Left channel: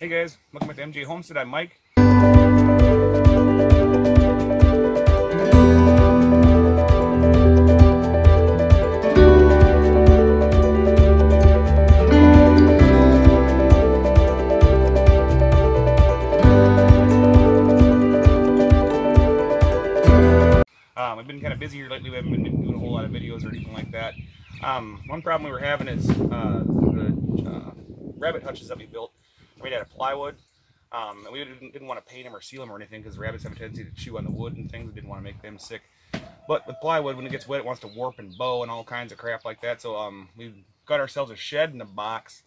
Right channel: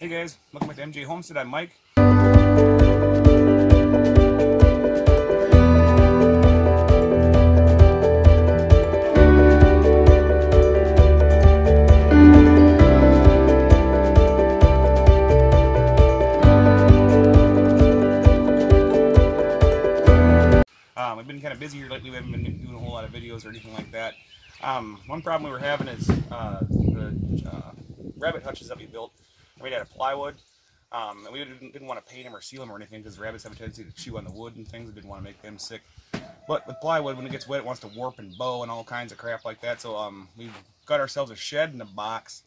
Hey guys, welcome back to MJ Homestead. I'm Mike. We've been kind of busy here lately. We haven't been doing a whole lot of videos or anything like that. One problem we were having is the rabbit hutches that we built are made out of plywood. And we didn't want to paint them or seal them or anything because the rabbits have a tendency to chew on the wood and things. We didn't want to make them sick. But with plywood, when it gets wet, it wants to warp and bow and all kinds of crap like that. So we've got ourselves a shed and a box.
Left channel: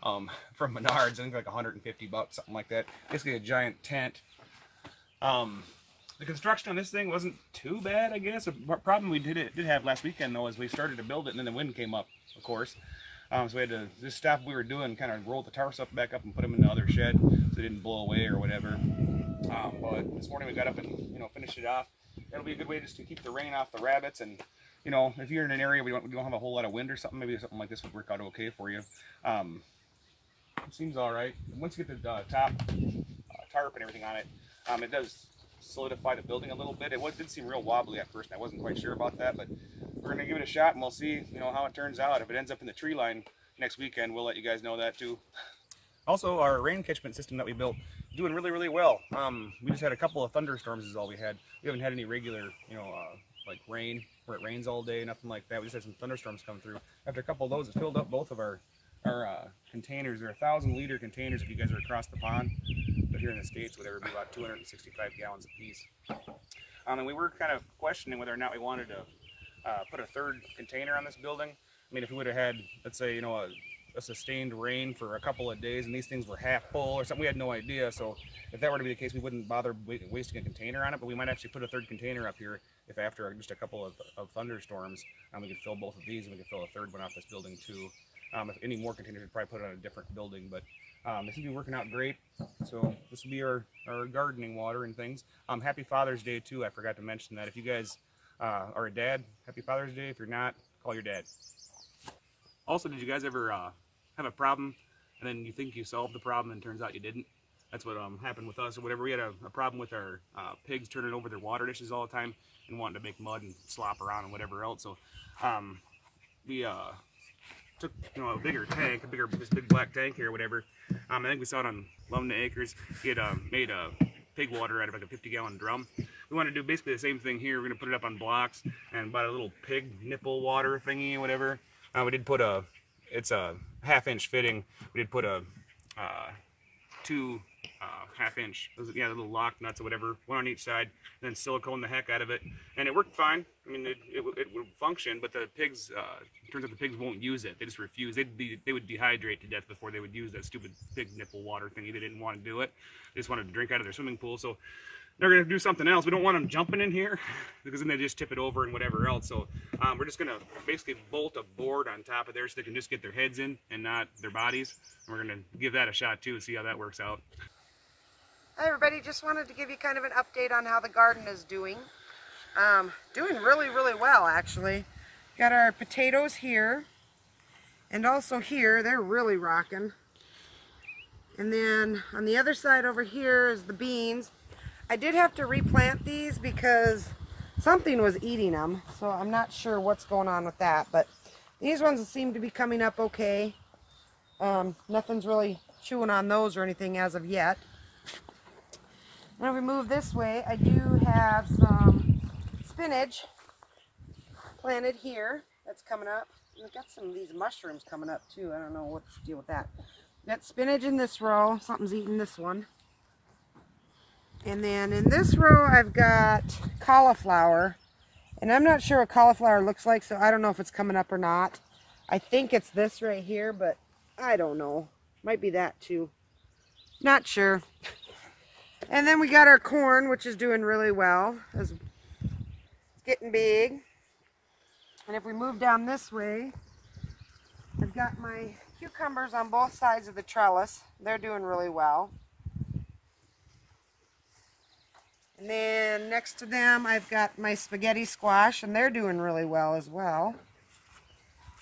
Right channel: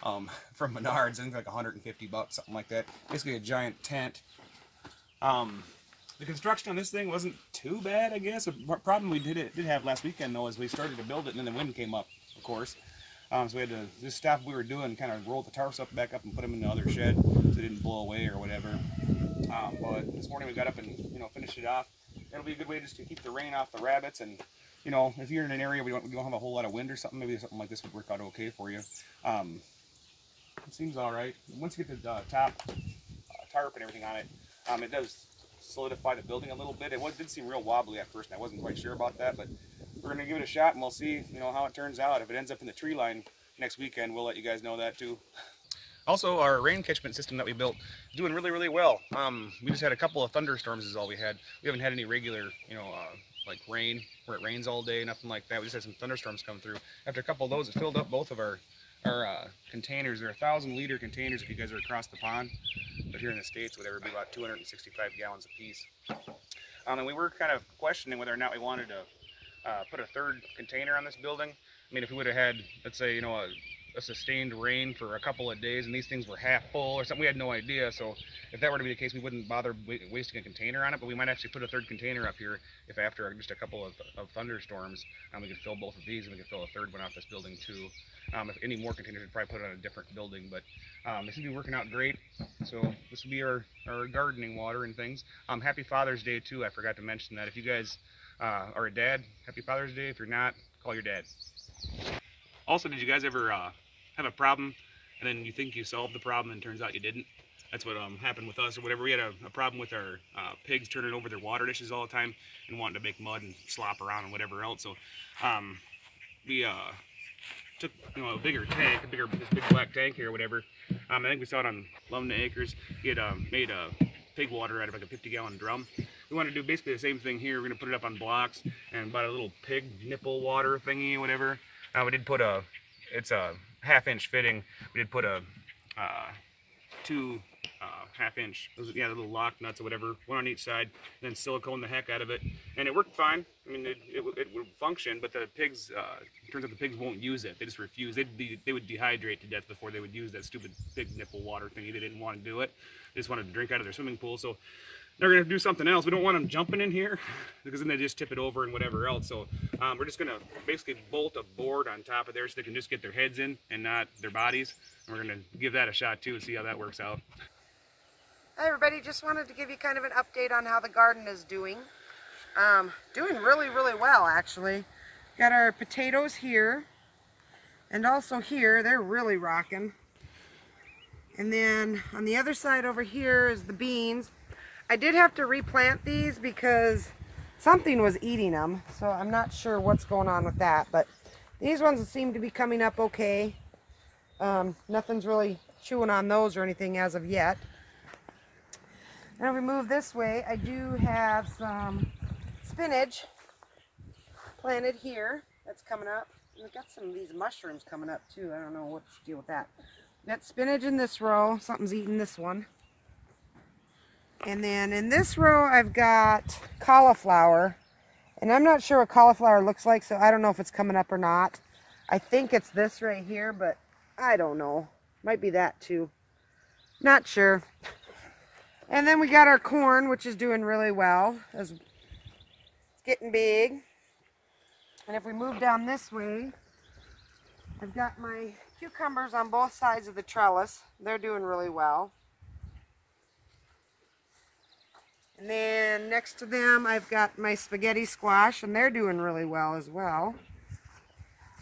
From Menards, I think like 150 bucks, something like that. Basically a giant tent. The construction on this thing wasn't too bad, I guess. The problem we did have last weekend though is we started to build it and then the wind came up, of course. So we had to just stop what we were doing, kind of roll the tarps up back up and put them in the other shed so they didn't blow away or whatever. But this morning we got up and finished it off. It'll be a good way just to keep the rain off the rabbits, and if you're in an area where we don't have a whole lot of wind or something, maybe something like this would work out okay for you. It seems all right. Once you get the top tarp and everything on it, it does solidify the building a little bit. It did seem real wobbly at first, and I wasn't quite sure about that, but we're going to give it a shot, and we'll see how it turns out. If it ends up in the tree line next weekend, we'll let you guys know that too. Also, our rain catchment system that we built is doing really, really well. We just had a couple of thunderstorms is all we had. We haven't had any regular, like rain, where it rains all day, nothing like that. We just had some thunderstorms come through. After a couple of those, it filled up both of our containers. They're 1,000-liter containers if you guys are across the pond, but here in the States, whatever, it'd be about 265 gallons a piece. And we were kind of questioning whether or not we wanted to put a third container on this building. I mean, if we would have had, let's say, a sustained rain for a couple of days and these things were half full or something, we had no idea. So if that were to be the case, we wouldn't bother wasting a container on it, but we might actually put a third container up here if after just a couple of thunderstorms, we could fill both of these and we could fill a third one off this building too. If any more containers, we'd probably put it on a different building, but this has been working out great. So this will be our gardening water and things. Happy Father's Day too, I forgot to mention that. If you guys are a dad, happy Father's Day. If you're not, call your dad. Also, did you guys ever have a problem and then you think you solved the problem and it turns out you didn't? That's what happened with us or whatever. We had a problem with our pigs turning over their water dishes all the time and wanting to make mud and slop around and whatever else. So we took a bigger tank, this big black tank here or whatever. I think we saw it on Lumna Acres. He had made pig water out of like a 50-gallon drum. We want to do basically the same thing here. We're going to put it up on blocks and bought a little pig nipple water thingy, whatever. We did put it's a 1/2-inch fitting. We did put a 2 1/2-inch, the little lock nuts or whatever, one on each side, and then silicone the heck out of it, and it worked fine. I mean, it would function, but the pigs, it turns out the pigs won't use it. They just refuse. They would dehydrate to death before they would use that stupid pig nipple water thingy. They didn't want to do it. They just wanted to drink out of their swimming pool. So they're going to do something else. We don't want them jumping in here because then they just tip it over and whatever else. So we're just going to basically bolt a board on top of there so they can just get their heads in and not their bodies. And we're going to give that a shot too and see how that works out. Hi everybody, just wanted to give you kind of an update on how the garden is doing. Doing really, really well actually. Got our potatoes here and also here, they're really rocking. And then on the other side over here is the beans. I did have to replant these because something was eating them, so I'm not sure what's going on with that, but these ones seem to be coming up okay. Nothing's really chewing on those or anything as of yet. Now we move this way, I do have some spinach planted here that's coming up. And we've got some of these mushrooms coming up too. I don't know what to deal with that. Got spinach in this row. Something's eating this one. And then in this row I've got cauliflower. And I'm not sure what cauliflower looks like, so I don't know if it's coming up or not. I think it's this right here, but I don't know. Might be that too. Not sure. And then we got our corn, which is doing really well. It's getting big. And if we move down this way, I've got my cucumbers on both sides of the trellis. They're doing really well. And then next to them, I've got my spaghetti squash, and they're doing really well as well.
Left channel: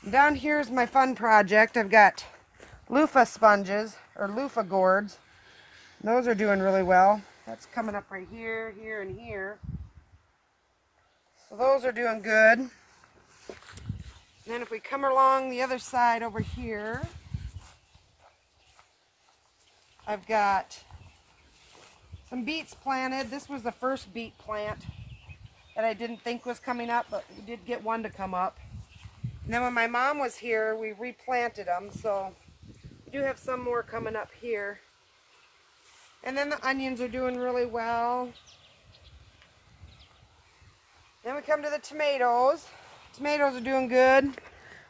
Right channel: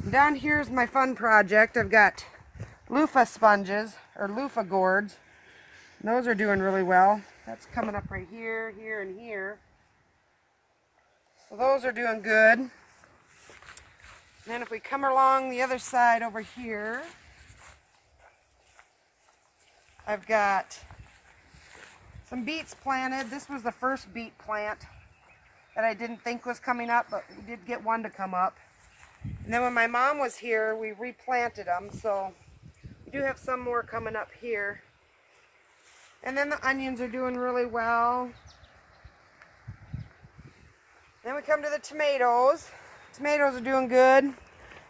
Down here is my fun project. I've got loofah sponges, or loofah gourds. Those are doing really well. That's coming up right here, here, and here. So those are doing good. And then if we come along the other side over here, I've got some beets planted. This was the first beet plant that I didn't think was coming up, but we did get one to come up. And then when my mom was here, we replanted them, so we do have some more coming up here. And then the onions are doing really well. Then we come to the tomatoes. Tomatoes are doing good.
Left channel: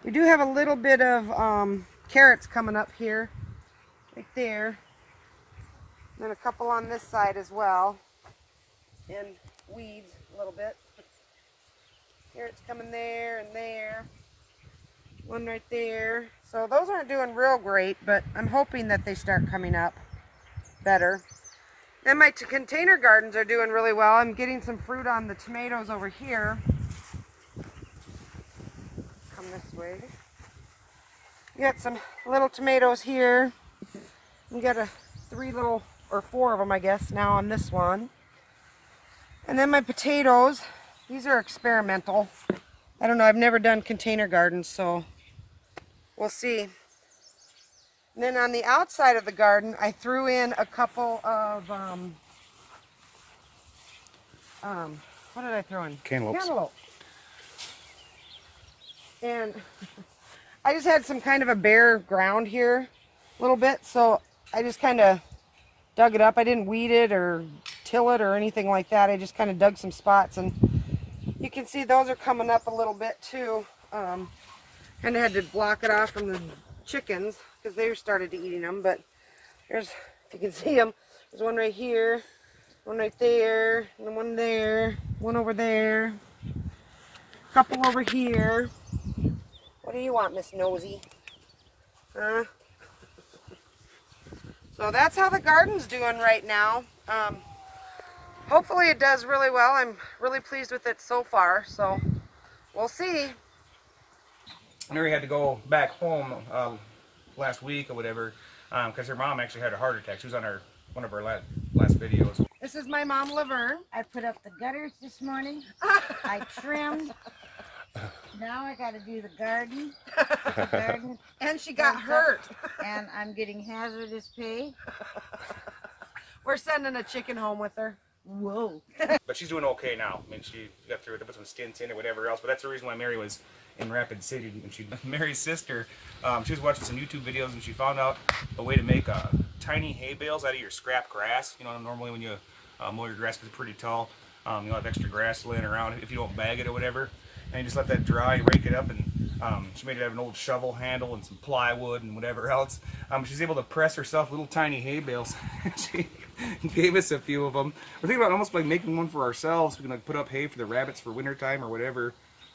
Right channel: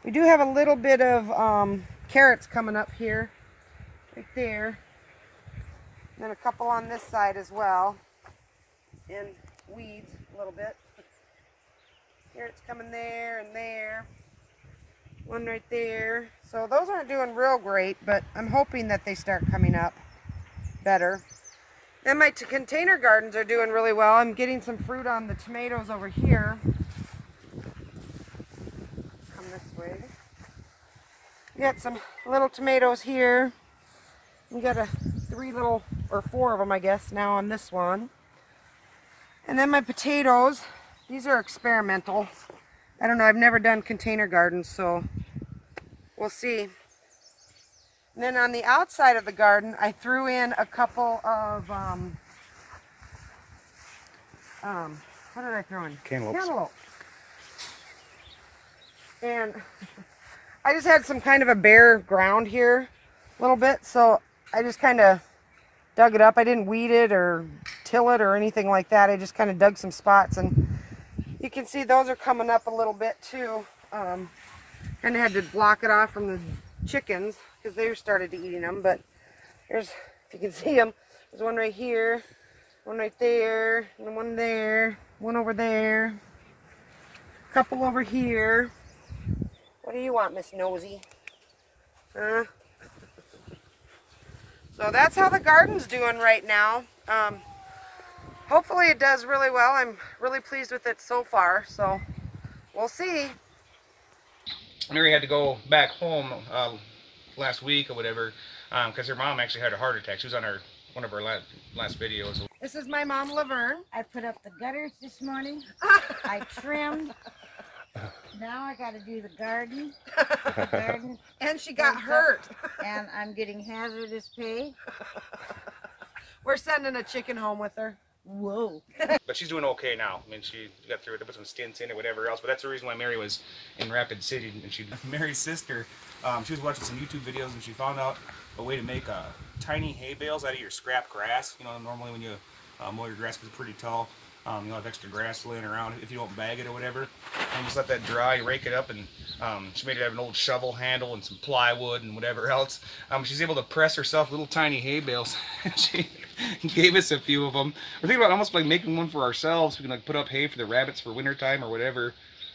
We do have a little bit of carrots coming up here, right there. And then a couple on this side as well. And weeds a little bit. Carrots coming there and there. One right there. So those aren't doing real great, but I'm hoping that they start coming up better. And my container gardens are doing really well. I'm getting some fruit on the tomatoes over here. Come this way. We got some little tomatoes here. We got four of them, I guess, now on this one. And then my potatoes. These are experimental. I don't know, I've never done container gardens, so we'll see. And then on the outside of the garden, I threw in a couple of, what did I throw in? Cantaloupes. Cantaloupe. And I just had some kind of a bare ground here a little bit, so I just kind of dug it up. I didn't weed it or till it or anything like that. I just kind of dug some spots, and you can see those are coming up a little bit too. Kind of had to block it off from the chickens because they started eating them, but there's, if you can see them, there's one right here, one right there, and one there, one over there, a couple over here. What do you want, Miss Nosy? So that's how the garden's doing right now. Hopefully it does really well. I'm really pleased with it so far, so we'll see. Mary had to go back home last week or whatever because her mom actually had a heart attack. She was on one of our last videos. This is my mom, Laverne. I put up the gutters this morning. I trimmed. Now I got to do the garden. And she got hurt. And I'm getting hazardous pay. We're sending a chicken home with her. Whoa. But she's doing okay now. I mean, she got through it. They put some stints in or whatever else. But that's the reason why Mary was in Rapid City. And Mary's sister, she was watching some YouTube videos and she found out a way to make tiny hay bales out of your scrap grass. You know, normally when you mow your grass, 'cause it's pretty tall, you'll have extra grass laying around if you don't bag it or whatever. And just let that dry, rake it up, and she made it have an old shovel handle and some plywood and whatever else. She's able to press herself little tiny hay bales. She gave us a few of them. We're thinking about almost like making one for ourselves. We can like put up hay for the rabbits for winter time or whatever.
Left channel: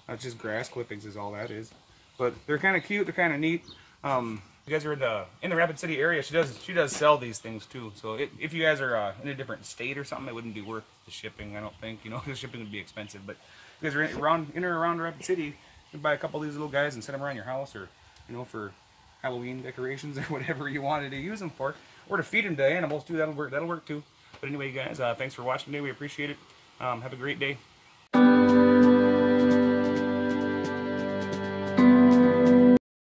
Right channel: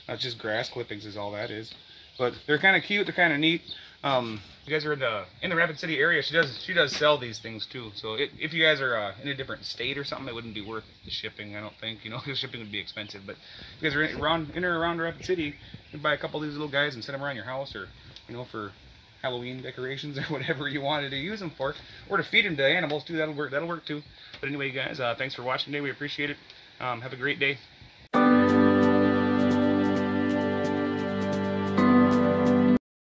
It's just grass clippings is all that is. But they're kind of cute. They're kind of neat. You guys are in the Rapid City area. She does sell these things too. So if you guys are in a different state or something, it wouldn't be worth the shipping. I don't think, you know, because shipping would be expensive. But if you guys are in or around Rapid City, you can buy a couple of these little guys and set them around your house, or you know, for Halloween decorations or whatever you wanted to use them for, or to feed them to animals too. That'll work too. But anyway, you guys, thanks for watching today. We appreciate it. Have a great day.